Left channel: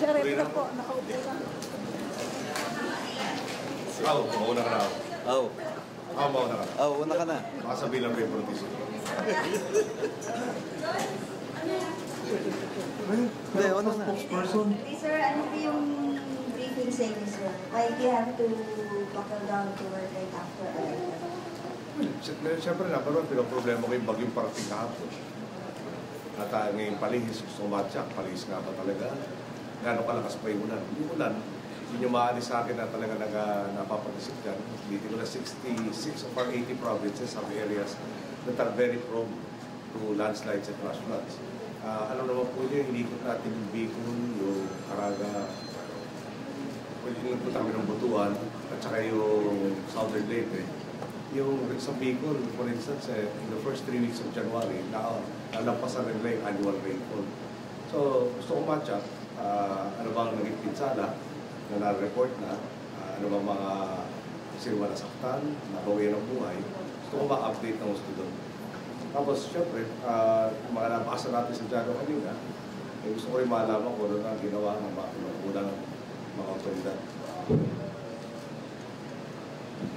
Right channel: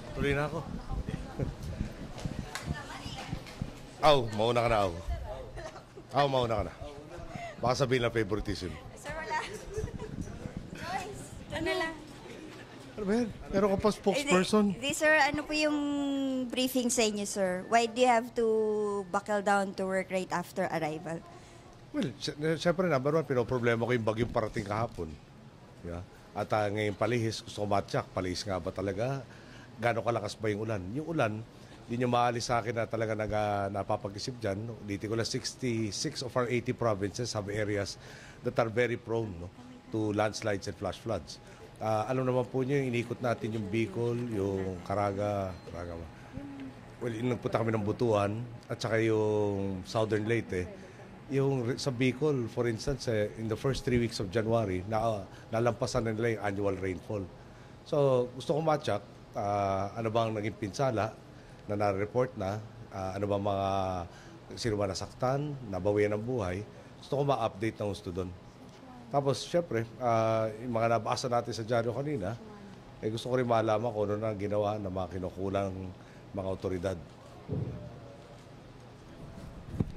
Sir, ito po, nakaupo lang. Mauna ka na ako. Mauna ka na. Una ka na. Baka sabihin ng favoritism. Well, pa spokesperson. Sir, ano po yung briefing sa inyo, sir? Why do you have to buckle down to work right after arrival? Well, siyempre number one, pinoproblema ko yung bagyong parating kahapon. At ngayon palihis, gusto ko matyak, palihis nga ba talaga? Gano'ng kalakas ba yung ulan? Yung ulan, yun yung maalis sa akin na talaga napapag-isip dyan. Dito ko na 66 of our 80 provinces have areas that are very prone to landslides and flash floods. Ano naman po niyo, inikot natin yung Bicol, yung Caraga, yung nagpunta kami ng Butuan, at saka yung Southern Leyte. Yung sa Bicol, for instance, in the first 3 weeks of January, nalampasan nila yung annual rainfall. So, gusto ko match-up, ano bang naging pinsala na na-report na, ano bang mga sino ba nasaktan, nabawian ng buhay, gusto ko ma-update ng gusto doon. Tapos, syempre, yung mga nabasa natin sa dyaryo kanina, gusto ko rin malaman kung ano na ginawa ng mga kinukulang mga otoridad.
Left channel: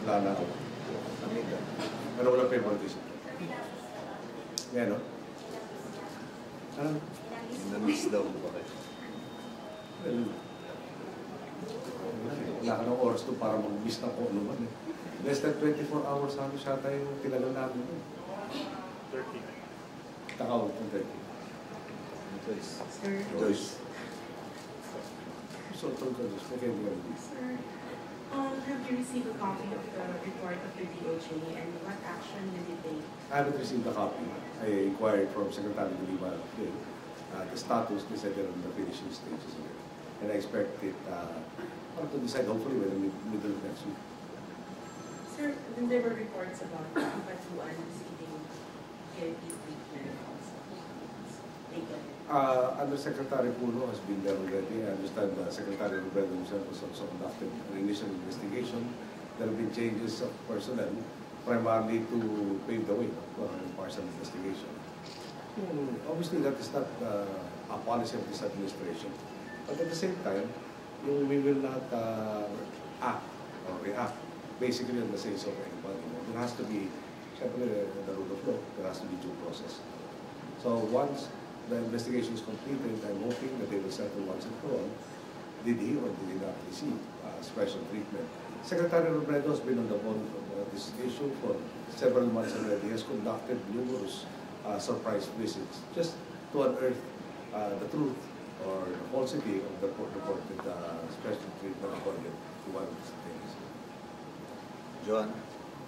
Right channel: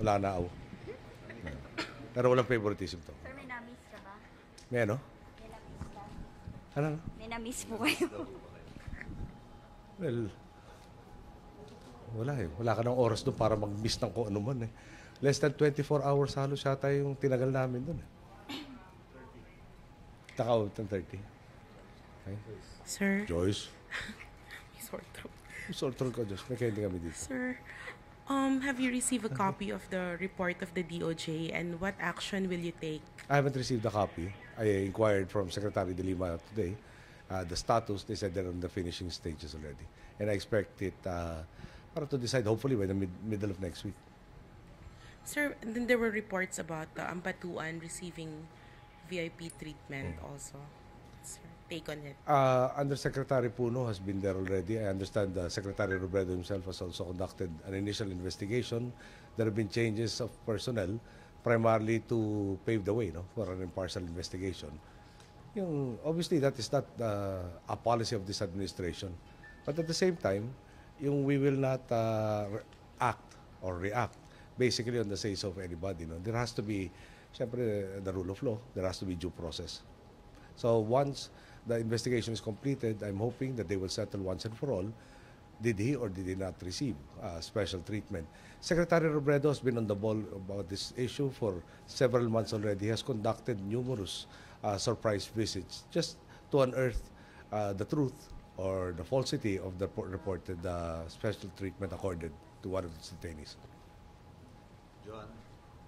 Wala na ako. Pero walang favoritism. Ngayon, no? Ano? Inamiss ko kayo. Well, wala eh. Wala ka ng oras doon para mag-miss ng kung ano man eh. Less than 24 hours halos yata yung tinagal namin doon. 30. Takaw, 30. Sir? Joyce? Sort of ko, Joyce. May kaya kami dito. Sir, have you received a copy of the report of the DOJ and what action will you take? I haven't received a copy. I inquired from Secretary De Lima today. The status, they said they're on the finishing stages already. And I expect it para to decide hopefully by the middle of next week. Sir, then there were reports about Ampatuan receiving VIP treatment also. Take on it. Undersecretary Puno has been there already. I understand Secretary Robredo himself has also conducted an initial investigation. There have been changes of personnel primarily to pave the way for an impartial investigation. Obviously, that is not a policy of this administration. But at the same time, we will not act or react basically on the say-so of anybody. There has to be, syempre, the rule of law. There has to be due process. So once the investigation is completed, I'm hoping that they will settle once and for all, did he or did he not receive special treatment. Secretary Robredo has been on the ball about this issue for several months already. He has conducted numerous surprise visits just to unearth the truth or the falsity of the reported special treatment accorded to one of the detainees. Joanna?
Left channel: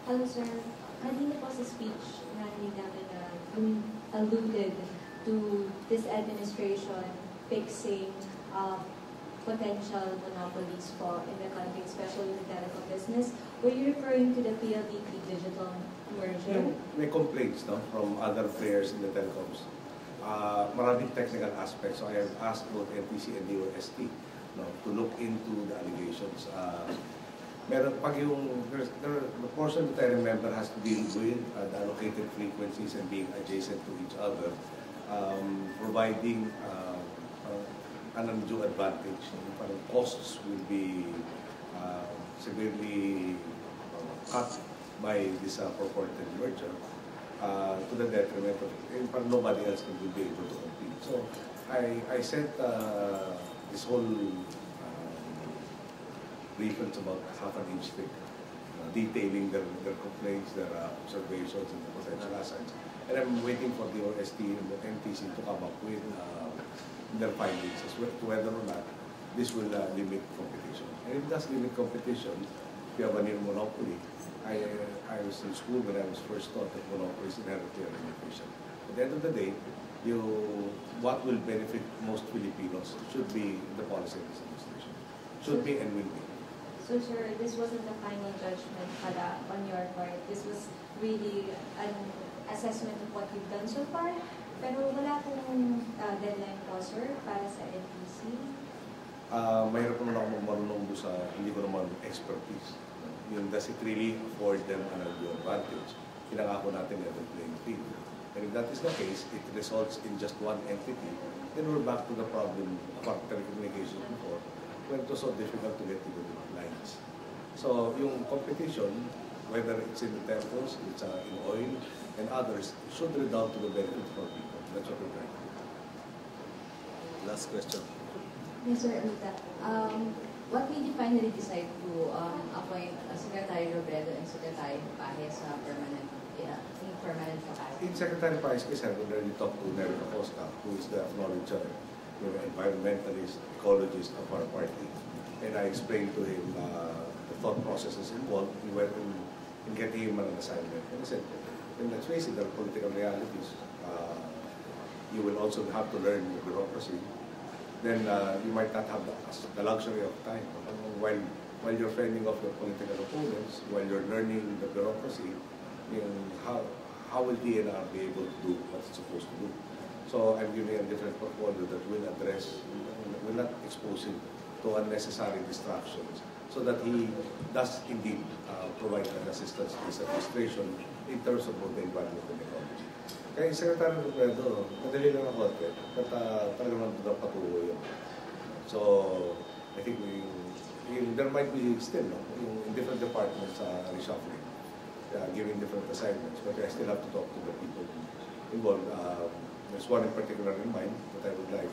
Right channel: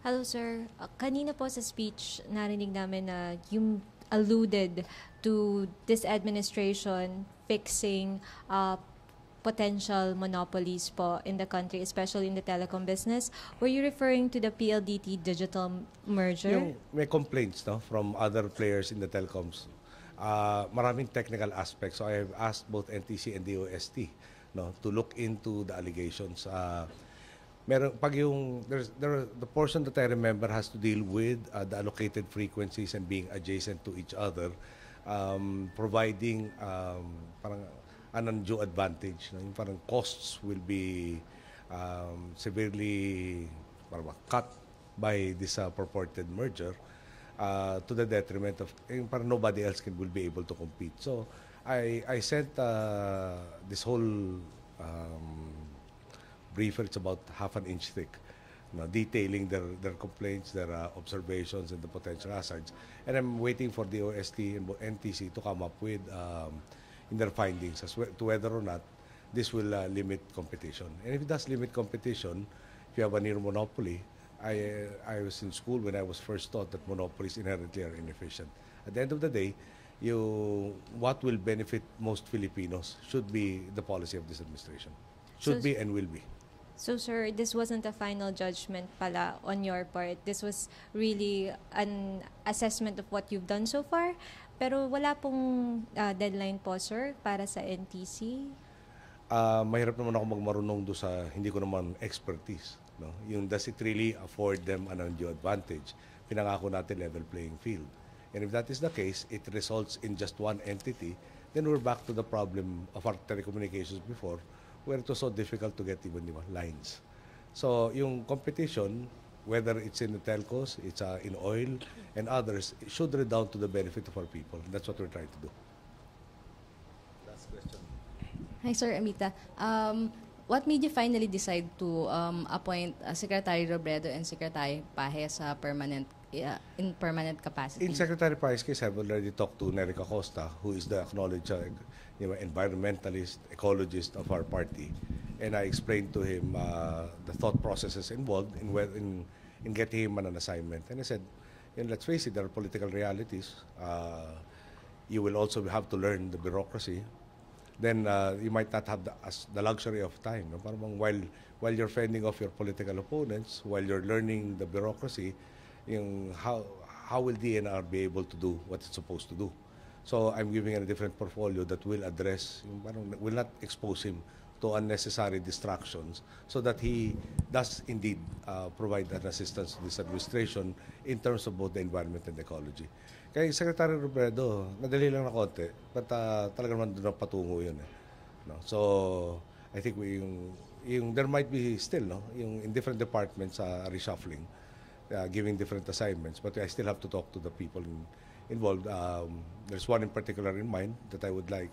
Hello, sir. Kanina po sa speech, narinig namin na yung alluded to this administration fixing potential monopolies po in the country, especially in the telecom business. Were you referring to the PLDT digital merger? May complaints from other players in the telecoms. Maraming technical aspects. So I have asked both NTC and DOST to look into the allegations. Meron pag the portion that I remember has to deal with the allocated frequencies and being adjacent to each other, providing parang an undue advantage. Parang costs will be severely cut by this purported merger to the detriment of parang nobody else will be able to compete. So I sent this whole briefings about half an inch thick, detailing their complaints, their observations, and the potential hazards. And I'm waiting for the OST and NTC to come up with their findings as to whether or not this will limit competition. And if it does limit competition, if you have a near monopoly, I was in school when I was first taught that monopoly is inherently inefficient. At the end of the day, what will benefit most Filipinos should be the policy of this administration. Should be and will be. So, sir, this wasn't a final judgment pala on your part. This was really an assessment of what you've done so far. Pero wala pong deadline po, sir, para sa NTC? Mahirap naman ako magmarunong doon sa hindi ko naman expertise. Does it really afford them an undue advantage? Pinangako natin level playing field. And if that is the case, it results in just one entity, then we're back to the problem of our telecommunications before, where it was so difficult to get even lines. So yung competition, whether it's in the telcos, it's in oil, and others, it should redound to the benefit for people. That's what we're trying to do. Last question. Hi, Sir Amita. What made you finally decide to appoint Secretary Robredo and Secretary Paje sa in permanent capacity? In Secretary Paez's case, I've already talked to Nery Acosta, who is the acknowledged environmentalist, ecologist of our party. And I explained to him the thought processes involved in getting him an assignment. And I said, let's face it, there are political realities. You will also have to learn the bureaucracy. Then you might not have the luxury of time. While you're fending off your political opponents, while you're learning the bureaucracy, how will DNR be able to do what it's supposed to do? So I'm giving a different portfolio that will address, will not expose him to unnecessary distractions, so that he does indeed provide that assistance to this administration in terms of both the environment and ecology. Kaya Secretary Robredo, madali lang na konti, but talaga naman doon ang patuho yun. So, I think there might be still, in different departments reshuffling, giving different assignments, but I still have to talk to the people involved. There's one in particular in mind that I would like.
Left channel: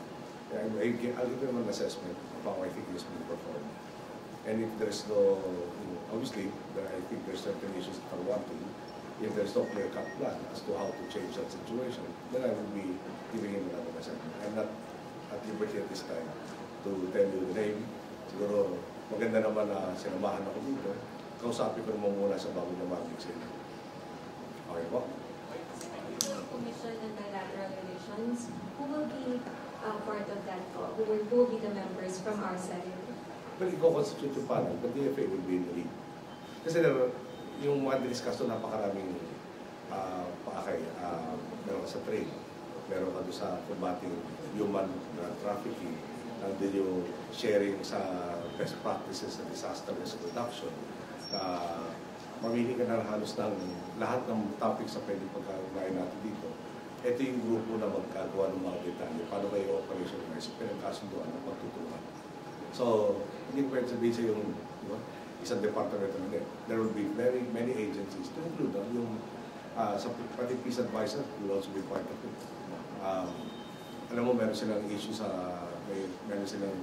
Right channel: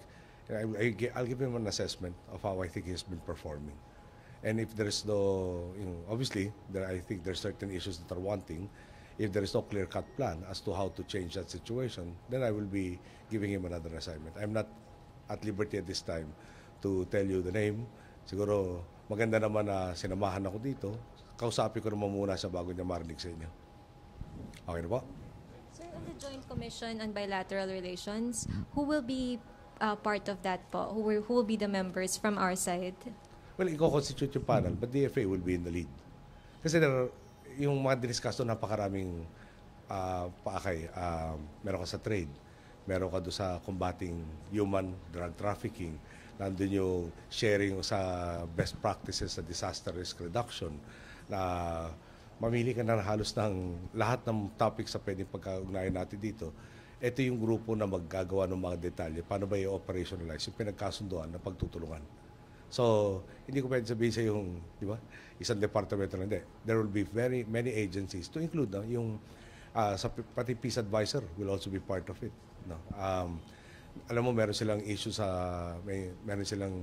I'll give him an assessment of how I think he's been performing. And if there's no, obviously, I think there's certain issues that are wanting. If there's no clear-cut plan as to how to change that situation, then I will be giving him another assignment. I'm not at liberty at this time to tell you the name. Siguro, maganda naman na sinamahan ako dito. Kausapin ko naman muna sa bago niya marinig sa inyo. Okay po? Commission on Bilateral Relations, who will be part of that po? Who will be the members from our side? Well, i-constitute yung panel, but DFA will be in the lead. Kasi yung mga diniscuss doon, napakaraming paakay. Meron ka sa trade, meron ka doon sa combating human drug trafficking, nandun yung sharing sa best practices sa disaster risk reduction. Mamili ka na halos ng lahat ng topics na pwede pagkaunayan natin dito. Ito yung grupo na maggagawa ng mga detalye. Paano ba yung operationalize? Yung pinagkasunduan na pagtutulungan. So, hindi ko pwede sabihin sa yung, di ba, isang departamento na hindi. There will be very many agencies to include yung pati peace advisor will also be part of it. Alam mo, meron silang issue meron silang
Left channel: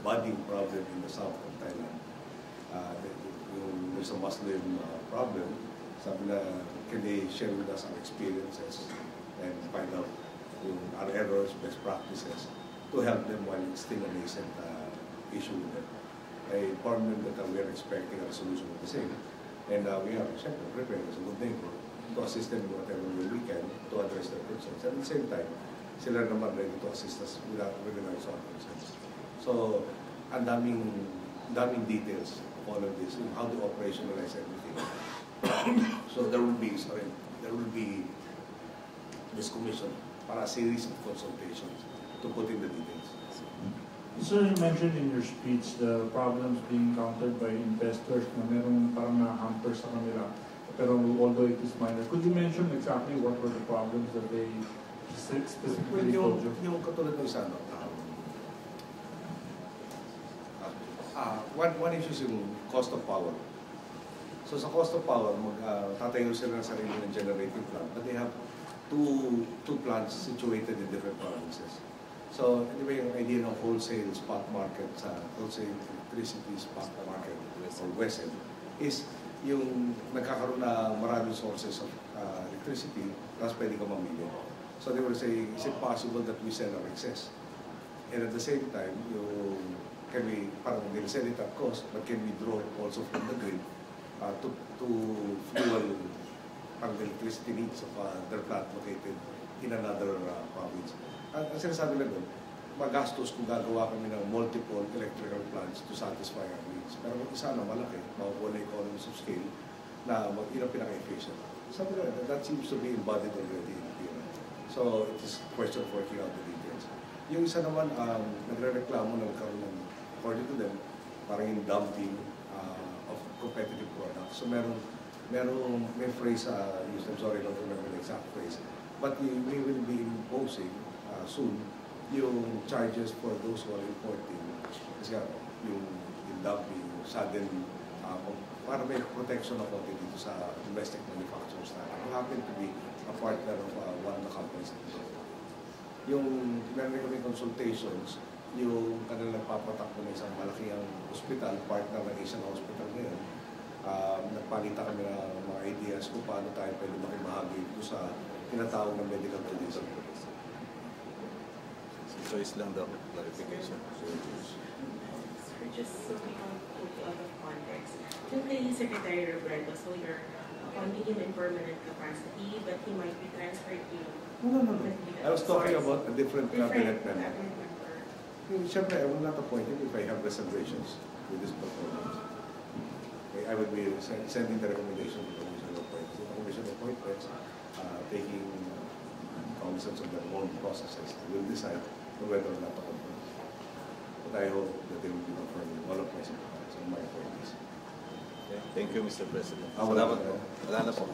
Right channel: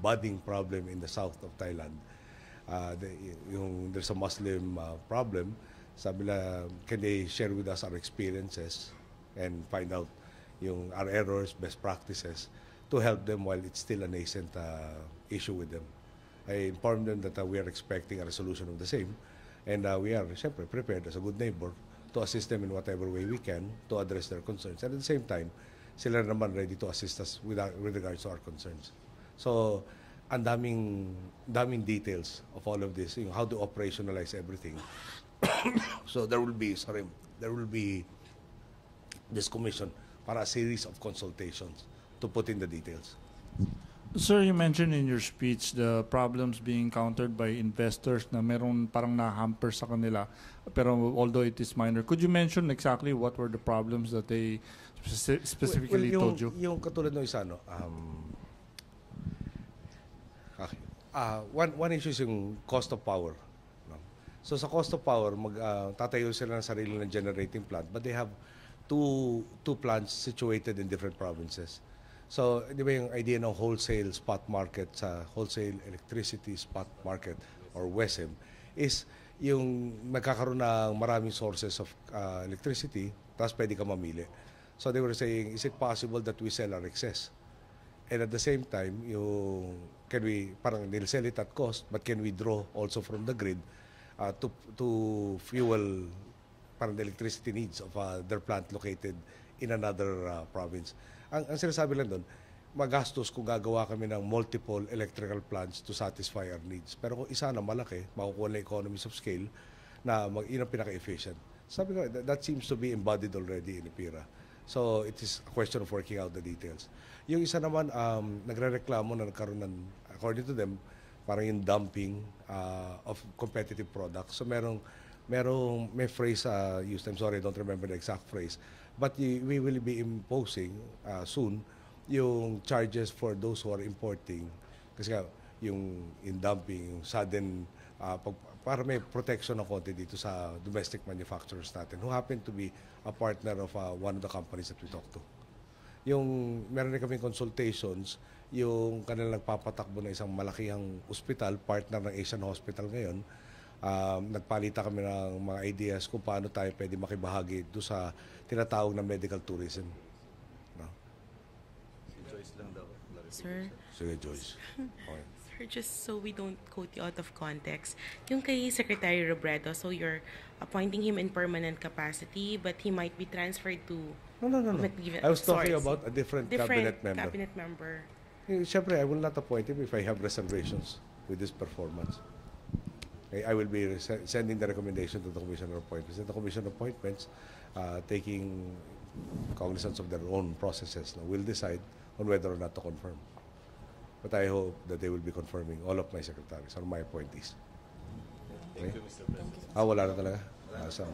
budding problem in the south of Thailand. There's a Muslim problem. Sabi na, can they share with us our experiences and find out our errors, best practices to help them while it's still a nascent issue with them. I informed them that we are expecting a resolution of the same, and we are, siyempre, prepared as a good neighbor to assist them in whatever way we can to address their concerns. And at the same time, sila naman ready to assist us with regards to our concerns. So, ang daming details of all of this, how to operationalize everything. So there will be this commission para a series of consultations to put in the details. Sir, you mentioned in your speech the problems being countered by investors na merong parang na-hamper sa kanila. Pero although it is minor, could you mention exactly what were the problems that they specifically told you? Yung katulad ng isa, one issue is yung cost of power. So sa cost of power, tatayo sila ng sarili ng generating plant, but they have two plants situated in different provinces. So, di ba yung idea ng wholesale spot market sa wholesale electricity spot market or WESEL is yung nagkakaroon ng maraming sources of electricity, tapos pwede ka mamili. So they were saying, is it possible that we sell our excess? And at the same time, parang they'll sell it at cost, but can we draw also from the grid to fuel parang the electricity needs of their plant located in another province? Ang sinasabi lang doon, magastos kung gagawa kami ng multiple electrical plants to satisfy our needs. Pero kung isa na malaki, makukuha na economies of scale na ilang pinaka-efficient. Sabi ko, that seems to be embodied already in PIRA. So, it is a question of working out the details. Yung isa naman, nagre-reklamo na nagkaroon ng, according to them, parang yung dumping of competitive products. So, may phrase used, I'm sorry, I don't remember the exact phrase, But we will be imposing soon yung charges for those who are importing. Kasi nga, yung in dumping, yung sudden, para may protection ako dito sa domestic manufacturers natin who happen to be a partner of one of the companies that we talked to. Yung meron rin kami consultations, yung kanilang nagpapatakbo na isang malakihang ospital, partner ng Asian Hospital ngayon, nagpalita kami ng mga ideas kung paano tayo pwede makibahagi doon sa tinatawag na medical tourism. Choice lang daw, clarification. So it is. Sir, just so we don't quote you out of context, yung kay Secretary Robredo, so you're appointing him in permanent capacity, but he might be transferred to No. material I was talking source. about a different Different cabinet member. cabinet member. Siyempre, I will not appoint him if I have reservations with his performance. Okay, I will be sending the recommendation to the Commission of Appointments. The Commission of Appointments, taking cognizance of their own processes, will decide on whether or not to confirm. But I hope that they will be confirming all of my secretaries on my appointees. Okay. Thank you, Mr. President. Wala Salamat na. po. Wala na po.